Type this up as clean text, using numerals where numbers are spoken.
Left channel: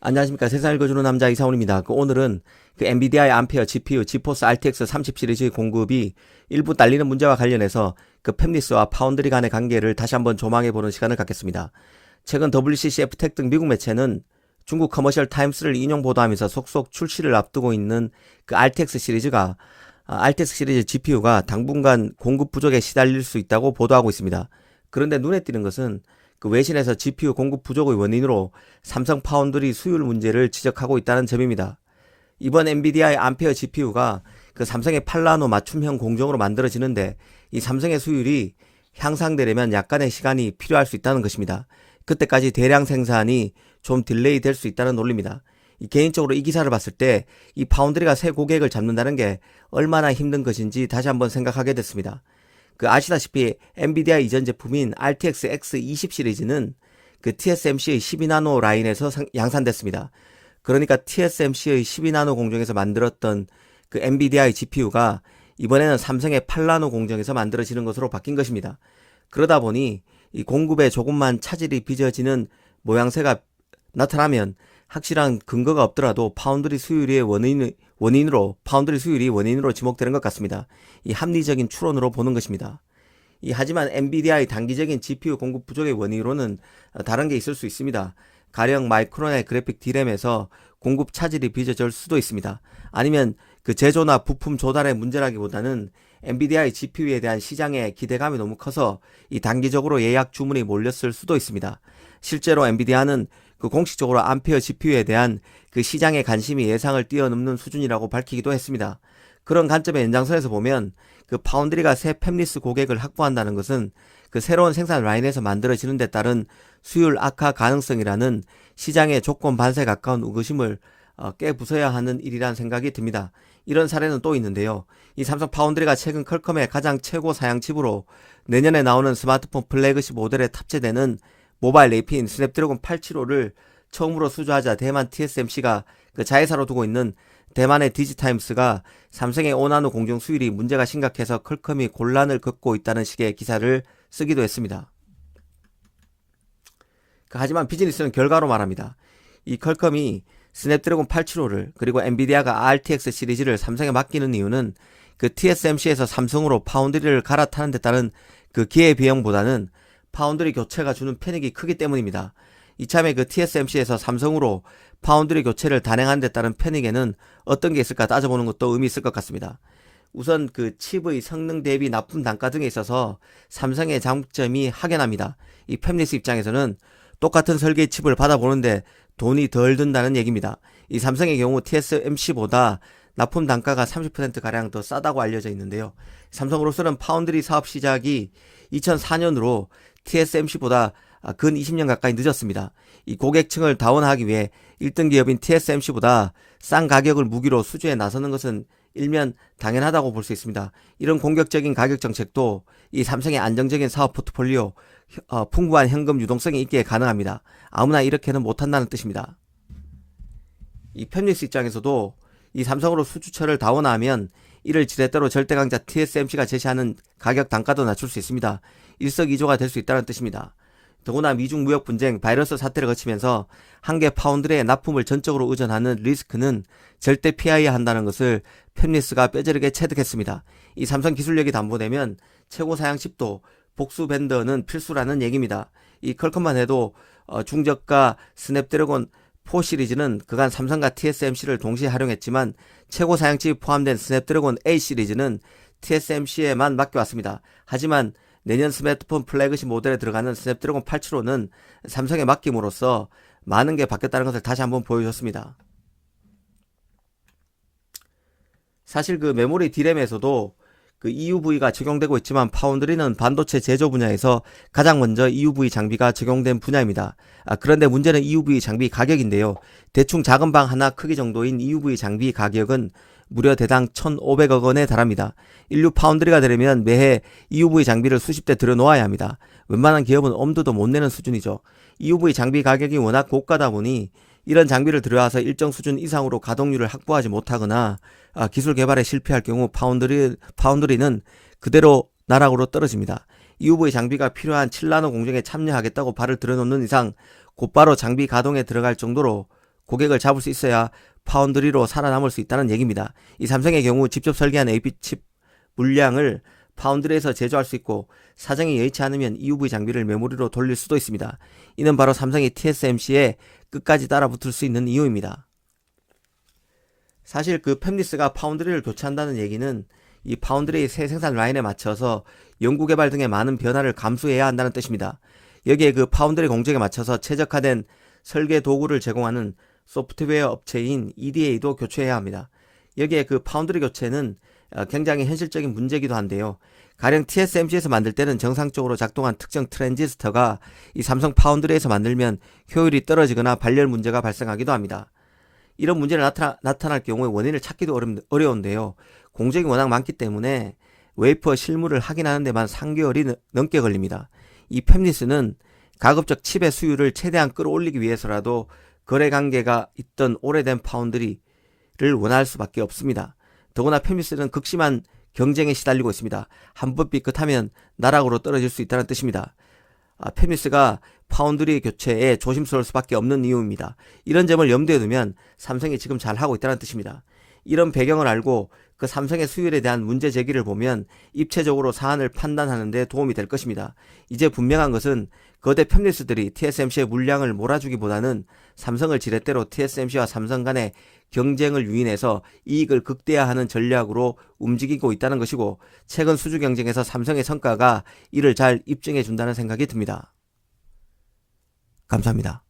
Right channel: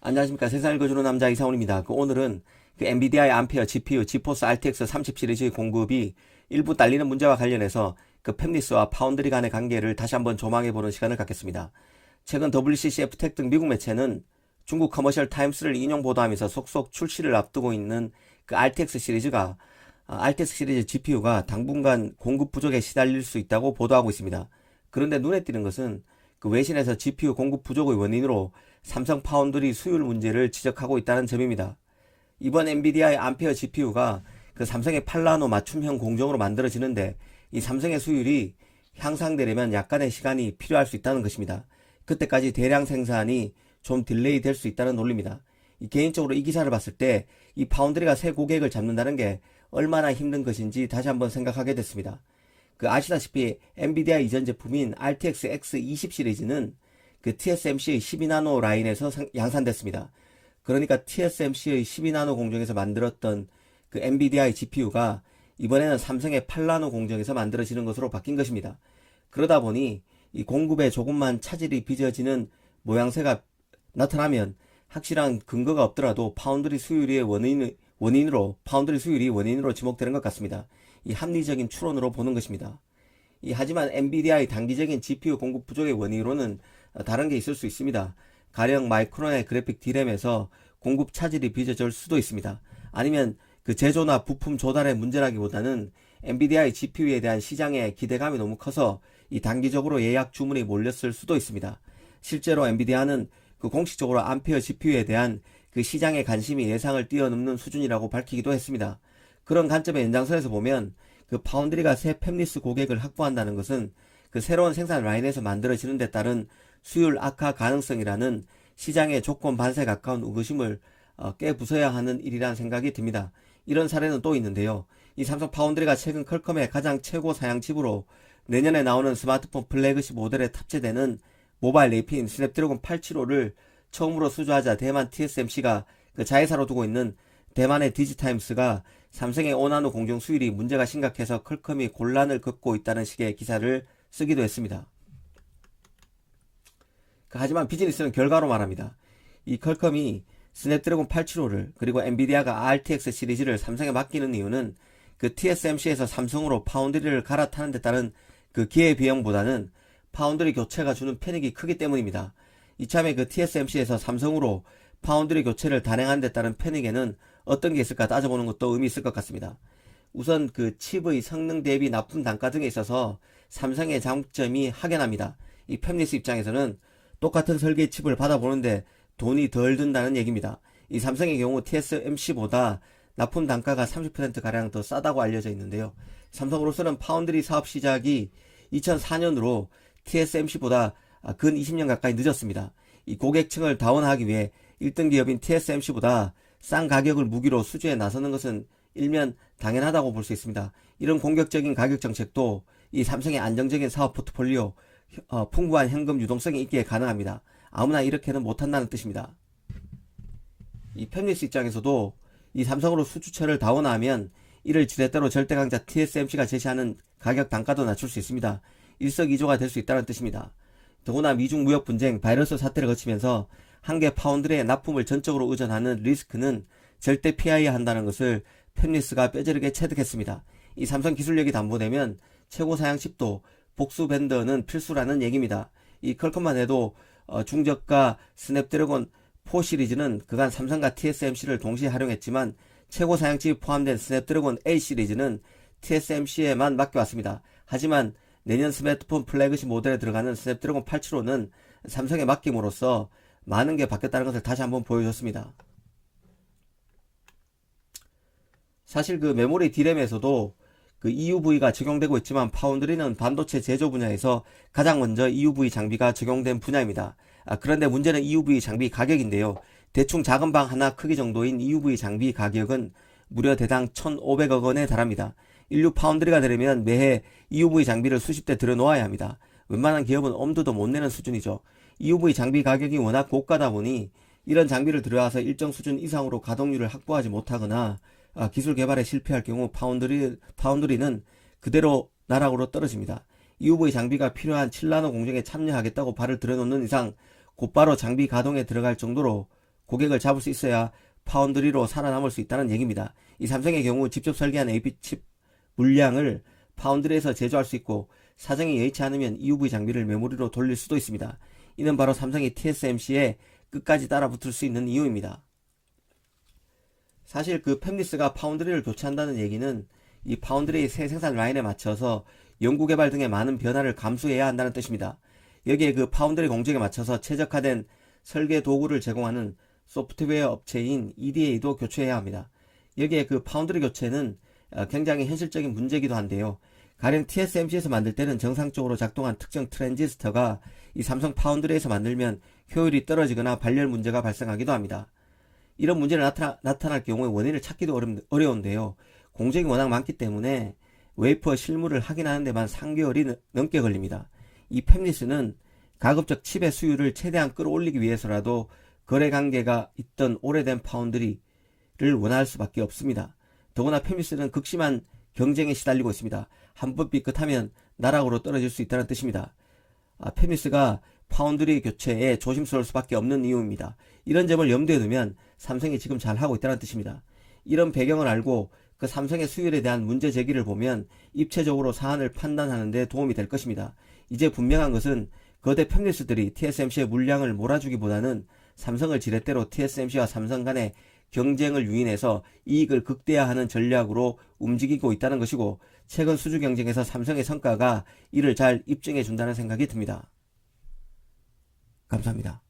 안녕하십니까. 세상 읽어주는 남자 이상훈입니다. 오늘은 엔비디아의 암페어 GPU 지포스 RTX 30 시리즈의 공급이 일부 딸리는 문제와 관련해서 팹리스와 파운드리 간의 관계를 다시 한번 조망해보는 시간을 갖겠습니다. 최근 WCC, FTech 등 미국 매체는 중국 커머셜 타임스를 인용 보도하면서 속속 출시를 앞두고 있는 RTX 시리즈 GPU가 당분간 공급 부족에 시달릴 수 있다고 보도하고 있습니다. 그런데 눈에 띄는 것은 외신에서 GPU 공급 부족의 원인으로 삼성 파운드리 수율 문제를 지적하고 있다는 점입니다. 이번 엔비디아의 암페어 GPU가 삼성의 8나노 맞춤형 공정으로 만들어지는데 이 삼성의 수율이 향상되려면 약간의 시간이 필요할 수 있다는 것입니다. 그때까지 대량 생산이 좀 딜레이 될 수 있다는 논리입니다. 개인적으로 이 기사를 봤을 때 이 파운드리가 새 고객을 잡는다는 게 얼마나 힘든 것인지 다시 한번 생각하게 됐습니다. 아시다시피 엔비디아 이전 제품인 RTX X20 시리즈는 TSMC의 12나노 라인에서 양산됐습니다. 그러니까 TSMC의 12나노 공정에서 만들었던 엔비디아의 GPU가 이번에는 삼성의 8나노 공정에서 만들어지는 것으로 바뀐 것입니다. 그러다 보니 이 공급에 조금만 차질이 빚어지는 모양새가 나타나면 확실한 근거가 없더라도 파운드리 수율이 원인으로 지목되는 것 같습니다. 이 합리적인 추론으로 보는 것입니다. 하지만 엔비디아의 단기적인 GPU 공급 부족의 원인으로는 다른 게 있을 수 있습니다. 가령 마이크론의 그래픽 D램에서 공급 차질이 빚어질 수도 있습니다. 아니면 제조나 부품 조달의 문제라기보다는 엔비디아의 GPU에 대한 시장의 기대감이 너무 커서 단기적으로 예약 주문이 몰렸을 수도 있습니다. 실제로 엔비디아는 공식적으로 암페어 GPU에 대한 시장의 관심이 예상을 뛰어넘는 수준이라고 밝히기도 했습니다. 그런 관점의 연장선에서 보면 파운드리가 새 팹리스 고객을 확보한다는 것은 새로운 생산 라인에서 만들어지는 데 따른 수율 악화 가능성이라는 시장의 조건 반사에 가까운 의구심을 깨부숴야 하는 일이란 생각이 듭니다. 이런 사례는 또 있는데요. 이 삼성 파운드리가 최근 퀄컴의 가장 최고 사양 칩으로 내년에 나오는 스마트폰 플래그십 모델에 탑재되는 모바일 AP인 스냅드래곤 875를 처음으로 수주하자 대만 TSMC가 자회사로 두고 있는 대만의 디지타임스가 삼성의 5나노 공정 수율이 문제가 심각해서 퀄컴이 곤란을 겪고 있다는 식의 기사를 쓰기도 했습니다. 하지만 비즈니스는 결과로 말합니다. 이 퀄컴이 스냅드래곤 875를 그리고 엔비디아가 RTX 시리즈를 삼성에 맡기는 이유는 TSMC에서 삼성으로 파운드리를 갈아타는 데 따른 기회비용보다는 파운드리 교체가 주는 편익이 크기 때문입니다. 이참에 TSMC에서 삼성으로 파운드리 교체를 단행하는 데 따른 편익에는 어떤 게 있을까 따져보는 것도 의미 있을 것 같습니다. 우선 칩의 성능 대비 납품 단가 등에 있어서 삼성의 장점이 확연합니다. 이 팹리스 입장에서는 똑같은 설계의 칩을 받아보는데 돈이 덜 든다는 얘기입니다. 이 삼성의 경우 TSMC보다 납품 단가가 30%가량 더 싸다고 알려져 있는데요. 삼성으로서는 파운드리 사업 시작이 2004년으로 TSMC보다 근 20년 가까이 늦었습니다. 이 고객층을 다운하기 위해 1등 기업인 TSMC보다 싼 가격을 무기로 수주에 나서는 것은 일면 당연하다고 볼 수 있습니다. 이런 공격적인 가격 정책도 이 삼성의 안정적인 사업 포트폴리오, 풍부한 현금 유동성이 있기에 가능합니다. 아무나 이렇게는 못한다는 뜻입니다. 이 팹리스 입장에서도 이 삼성으로 수주처를 다운하면 이를 지렛대로 절대강자 TSMC가 제시하는 가격 단가도 낮출 수 있습니다. 일석이조가 될 수 있다는 뜻입니다. 더구나 미중 무역 분쟁, 바이러스 사태를 거치면서 한개 파운드리의 납품을 전적으로 의존하는 리스크는 절대 피해야 한다는 것을 팹리스가 뼈저리게 체득했습니다. 이 삼성 기술력이 담보되면 최고 사양 칩도 복수 벤더는 필수라는 얘기입니다. 이 퀄컴만 해도 중저가 스냅드래곤 4 시리즈는 그간 삼성과 TSMC를 동시에 활용했지만 최고 사양칩이 포함된 스냅드래곤 8 시리즈는 TSMC에만 맡겨왔습니다. 하지만 내년 스마트폰 플래그십 모델에 들어가는 스냅드래곤 875는 삼성에 맡김으로써 많은 게 바뀌었다는 것을 다시 한번 보여줬습니다. 사실 메모리 D램에서도 EUV가 적용되고 있지만 파운드리는 반도체 제조 분야에서 가장 먼저 EUV 장비가 적용된 분야입니다. 그런데 문제는 EUV 장비 가격인데요. 대충 작은 방 하나 크기 정도인 EUV 장비 가격은 무려 대당 1,500억 원에 달합니다. 인류 파운드리가 되려면 매해 EUV 장비를 수십 대 들여놓아야 합니다. 웬만한 기업은 엄두도 못 내는 수준이죠. EUV 장비 가격이 워낙 고가다 보니 이런 장비를 들여와서 일정 수준 이상으로 가동률을 확보하지 못하거나 기술 개발에 실패할 경우 파운드리는 그대로 나락으로 떨어집니다. EUV 장비가 필요한 7나노 공정에 참여하겠다고 발을 들여놓는 이상 곧바로 장비 가동에 들어갈 정도로 고객을 잡을 수 있어야 파운드리로 살아남을 수 있다는 얘기입니다. 이 삼성의 경우 직접 설계한 AP칩 물량을 파운드리에서 제조할 수 있고 사정이 여의치 않으면 EUV 장비를 메모리로 돌릴 수도 있습니다. 이는 바로 삼성이 TSMC에 끝까지 따라붙을 수 있는 이유입니다. 사실 그 팹리스가 파운드리를 교체한다는 얘기는 이 파운드리의 새 생산 라인에 맞춰서 연구개발 등의 많은 변화를 감수해야 한다는 뜻입니다. 여기에 그 파운드리 공정에 맞춰서 최적화된 설계 도구를 제공하는 소프트웨어 업체인 EDA도 교체해야 합니다. 여기에 그 파운드리 교체는 굉장히 현실적인 문제이기도 한데요. 가령 TSMC에서 만들 때는 정상적으로 작동한 특정 트랜지스터가 이 삼성 파운드리에서 만들면 효율이 떨어지거나 발열 문제가 발생하기도 합니다. 이런 문제를 나타날 경우에 원인을 찾기도 어려운데요. 공정이 워낙 많기 때문에 웨이퍼 실물을 확인하는 데만 3개월이 넘게 걸립니다. 이 팹리스는 가급적 칩의 수율을 최대한 끌어올리기 위해서라도 거래 관계가 있던 오래된 파운드리를 원할 수밖에 없습니다. 더구나 팹리스는 극심한 경쟁에 시달리고 있습니다. 한번 삐끗하면 나락으로 떨어질 수 있다는 뜻입니다. 팹리스가 파운드리 교체에 조심스러울 수밖에 없는 이유입니다. 이런 점을 염두에 두면 삼성이 지금 잘하고 있다는 뜻입니다. 이런 배경을 알고 그 삼성의 수율에 대한 문제 제기를 보면 입체적으로 사안을 판단하는 데 도움이 될 것입니다. 이제 분명한 것은 거대 팹리스들이 TSMC의 물량을 몰아주기보다는 삼성을 지렛대로 TSMC와 삼성 간의 경쟁을 유인해서 이익을 극대화하는 전략으로 움직이고 있다는 것이고, 최근 수주 경쟁에서 삼성의 성과가 이를 잘 입증해 준다는 생각이 듭니다. 감사합니다.